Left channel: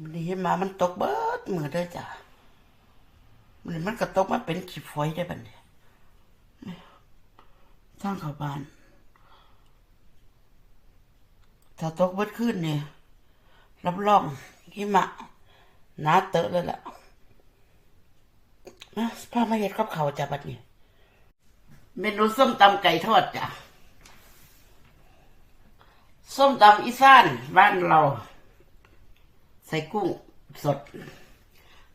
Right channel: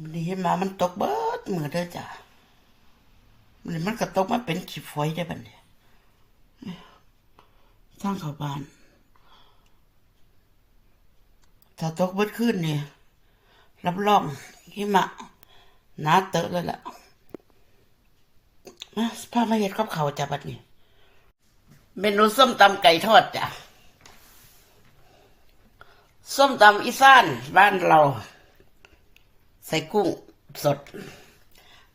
มันนี้มามันตกเบิดมือเด้อจ้ะมันมันก็ตกมาเป็นขี้ฝอยได้บัดเนี่ยสร้างเขาบ้าน ถ้าตกเบิดขึ้นเนี่ยรับรองหิมะหนาเตอะเลยล่ะมาพามาเห็ดกับเขาวจ้ะบัดนี้เมนูส้มตำไก่ทอดจ้ะส้มตำอีสานบ้านเรา ใส่กุ้งสด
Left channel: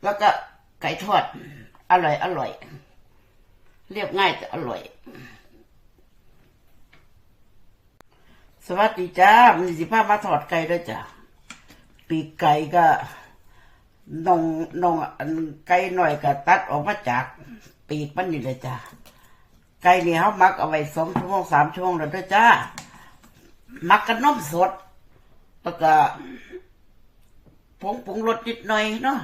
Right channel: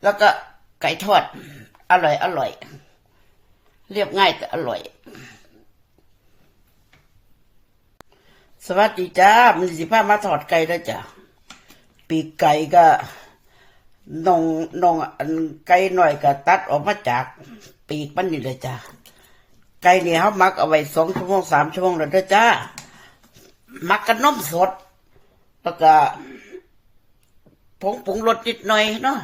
แล้วก็ไก่ทอด อร่อยอร่อย เรียบง่ายแต่อร่อย สวัสดีจ้ามันสิพามาทอดไก่แล้วจ้ะปีกไก่ก็นองนองอันไก่หน่อยก็ตัดออกมาจากปีกมันนี่เลยจ้ะไก่นี่เขามักเอาไว้สองชั่วโมงสามชั่วโมงแล้วด้อจ้ามักกับนมสด แล้วก็ ผงปรุงรสนิดหน่อยเนาะ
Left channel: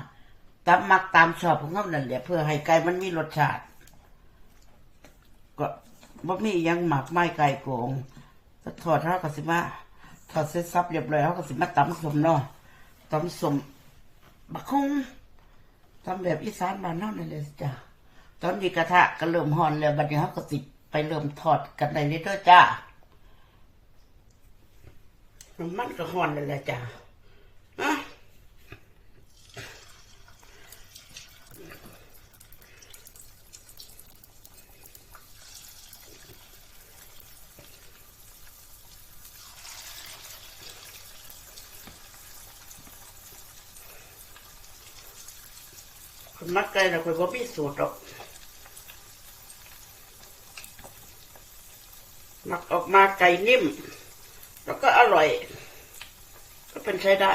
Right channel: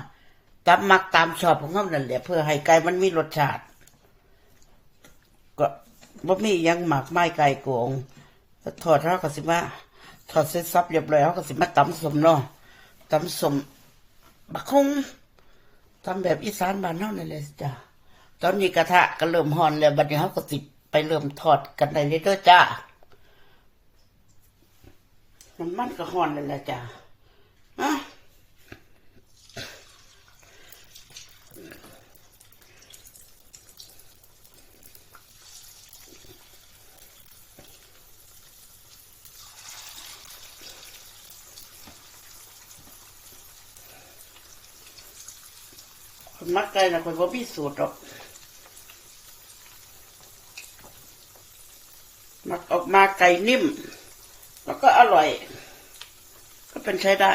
ตามมักตามชอบของเขานั่นแหละเพื่อให้ไก่มันมีรสชาติ ก็บ่มียังหมักไม้ไก่โกงก็ทอดเท่ากับสิมาทอดเสร็จสับเรียบร้อยเขาก็สิมาตำสมเนาะตำสมบักคงทำแบบอีสานบ้านเฮานั่นแหละจ้ะตอนนี้กระทะก็เริ่มฮ้อนแล้วบัดนี้เขาก็ติดไปเริ่มทอดกันได้เลยเด้อจ้าน้ำมันก็ฮ้อนเลยละจ้ะคน มักไก่นะคนบ่มีสูตรหรอกมักออกมาไก่นิ่ม แล้วก็อร่อย ก็เป็นใช้ได้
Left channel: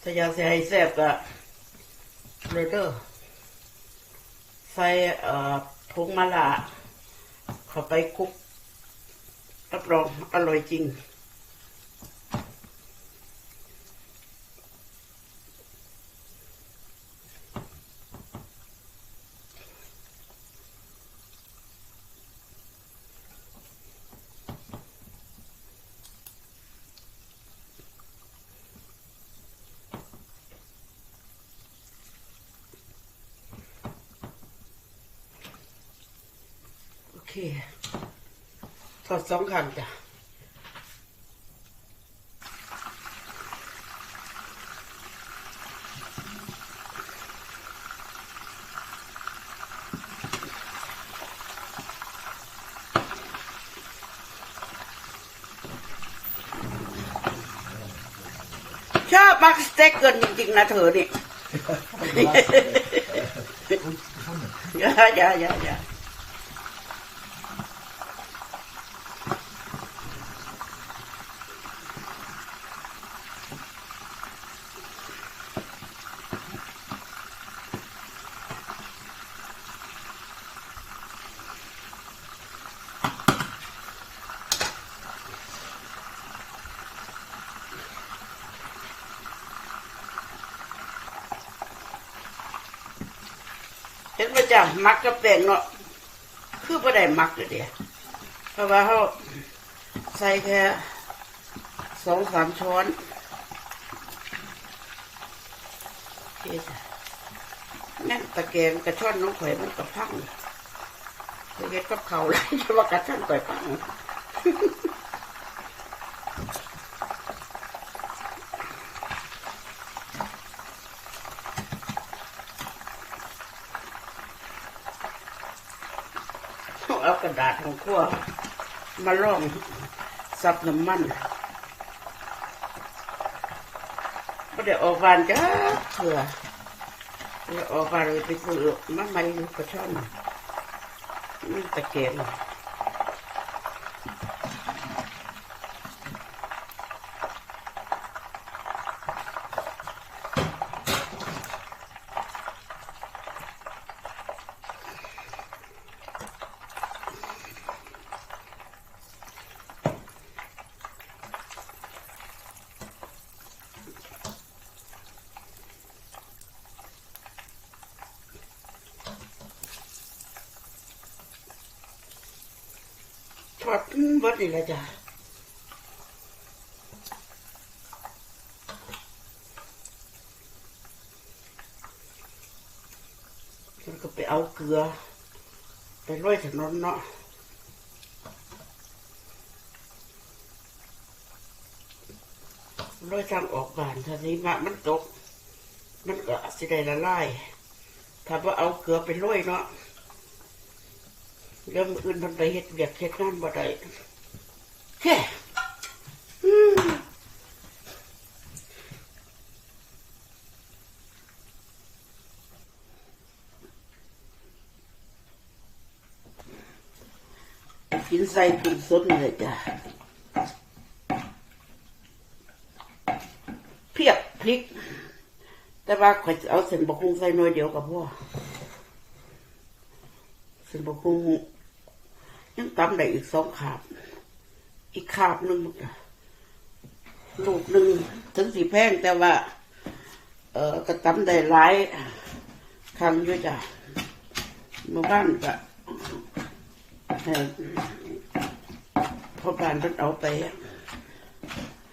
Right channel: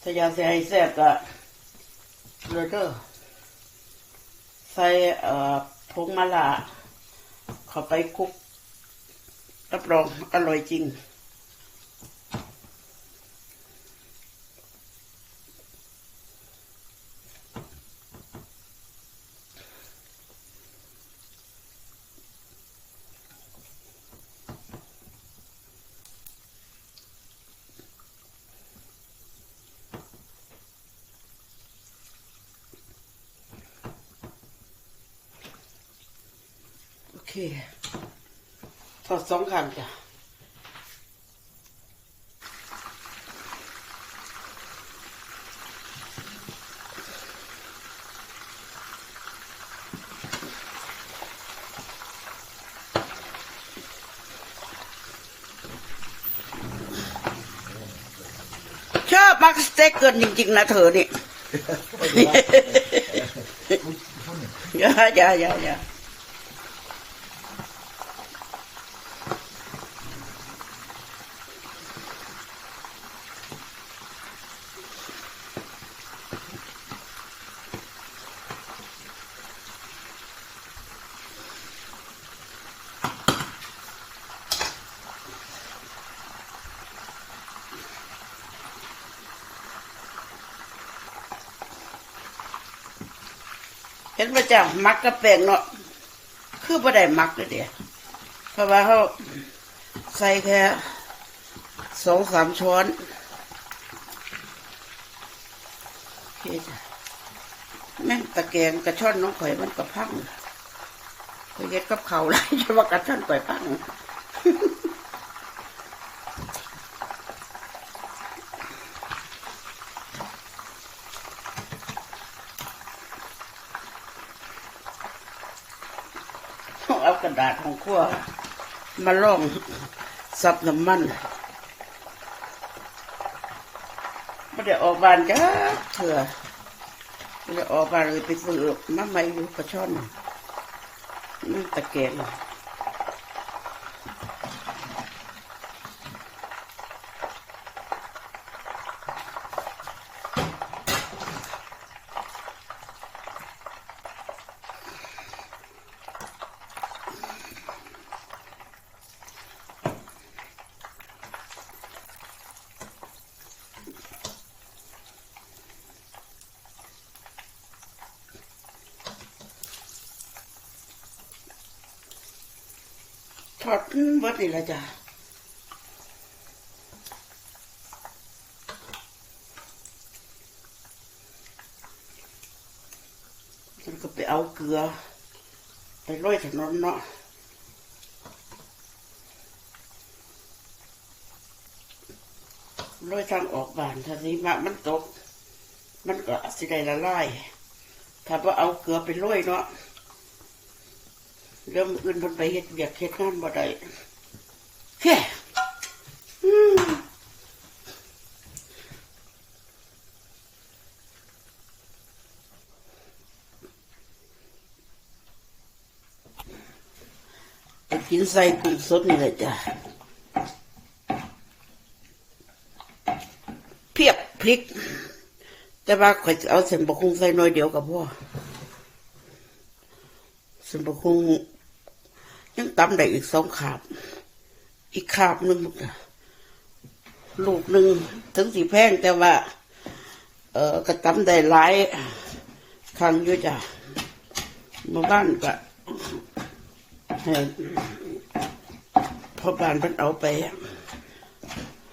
ถ้าอยากจะให้แซ่บก็เลยเด้อใส่เอ่อผงมะละเข้าไปคลุกรับรองอร่อยจริง เคทอดสองครั้งจ้ะชอบมักสเต็กเกินจริงๆนะเธอนี่ อย่าอย่าอย่าอย่า เห็นประจังมักกระแปงเนาะคือบ่ได้มักเลยเดียวเพราะว่าเขาใส่แค่สองสามช้อนโอเคจ้ะแม่ตะแกงกระช่อนน้องข่อยมันกระพังไปเย็ดกับเขาเลยจะว่ากระช่อนข่อยพัง เอากระดาษของขั้วมาล่องซับน้ำมันไม่ได้ออกบานจ้าเลยไม่ได้ออกบานเลยไปซื้อมาใหม่อยู่กระช่อนนี่ตะเกียบ ทอดเบดนี่ละจ้ะแล้วก็ไปเอาเกลือ ไปโรยถนนเนาะโรยทางออกบานถ้าสีมะมันตก มันก็สิได้ละลายถ้าว่าเอาเกลือไปโรยเนาะ เรื่องอื่นมันไปเฮ็ดเบียกเฮ็ดงานบ่ได้แค่อืมกินใส่กุ้งสดนี่เลยจ้ะเพียบพริก แต่ว่าข่อยจะเอาเส้นบะคุงใส่หน้อยเดียวกับพ่อเส้นบะคุง ยังตำได้อีกสองขาบ อีกขาบหนึ่งลูกหนึ่งถึงสีแพงแต่ว่า เออกระตำได้หลายครั้งอยู่จ้ะมาบ้านก็ให้พ่อบ้านเพิ่นเอาไป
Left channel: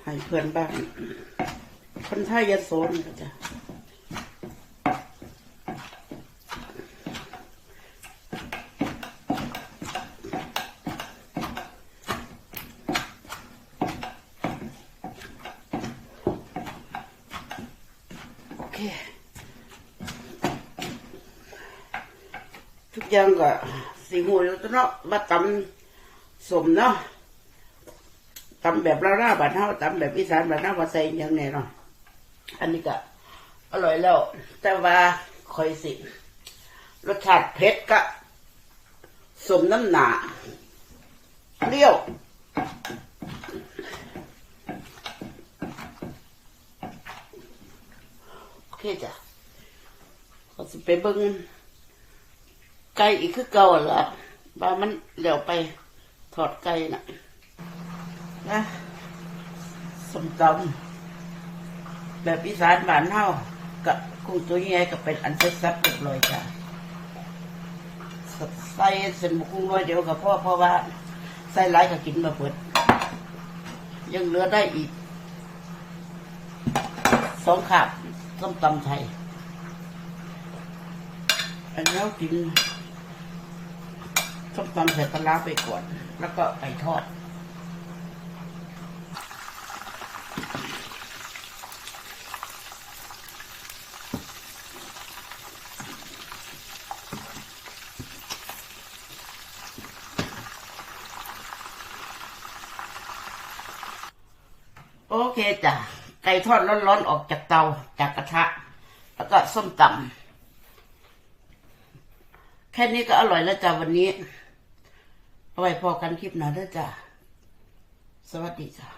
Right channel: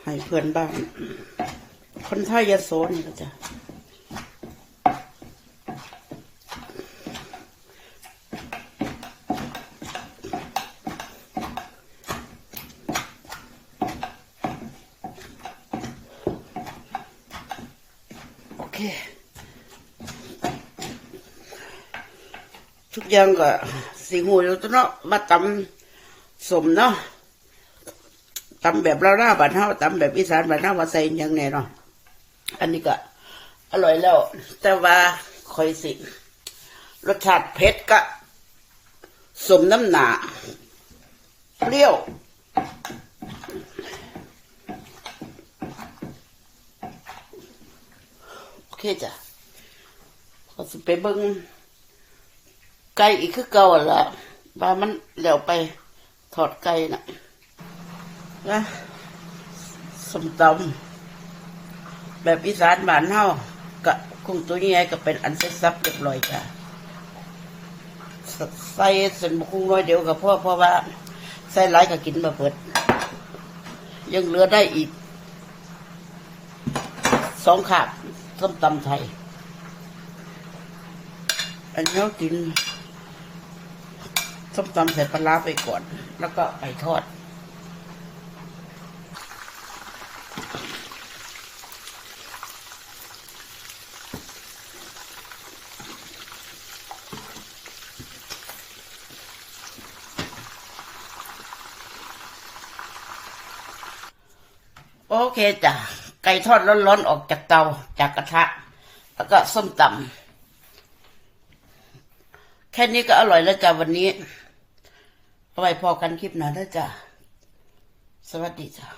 ให้เพื่อนบ้าน คนไทยยโสนี่จ้ะ เค ทุกอย่างก็สีหูอยู่ตัวเนาะมาตำสมเนาะตำแบบลาวๆบ้านเฮาตำแบบอีสานบ้านเฮาว่าใส่ยังแน่เนาะอันนี้ก็อร่อยแล้ว แต่ว่าคอยสิ รสชาติเผ็ดกะสมน้ำหนาเปรี้ยว โอ เคจ้ะเขาสิไปเบิ่งไก่อีกคือเก่าหั่นละว่ามันเหลียวไปถอดไก่น่ะนะสมตำแบบอีสานบ้านเฮากะกุ้งตัวใหญ่ก็เป็นอันเสร็จสับเรียบร้อยจ้ะใส่เส้นบุกุ้งว่าเดียวกับพ่อเพราะว่าใส่หลายก็กินมาเปิด ยังเหลือได้อีกสองขาด ส้มตำไทย อันนี้เรากินส้มตำใส่ปลาร้าไปก่อน แล้วก็ไปทอด โอเคจ้ะ ไก่ทอดร้อนๆออกจากเตาจากกระทะ แล้วก็ส้มตำแค่นี้ก็อร่อยแล้วจ้ะวันนี้เอาไว้พอกันคลิปหน้าแล้วจ้ะสวัสดีจ้ะ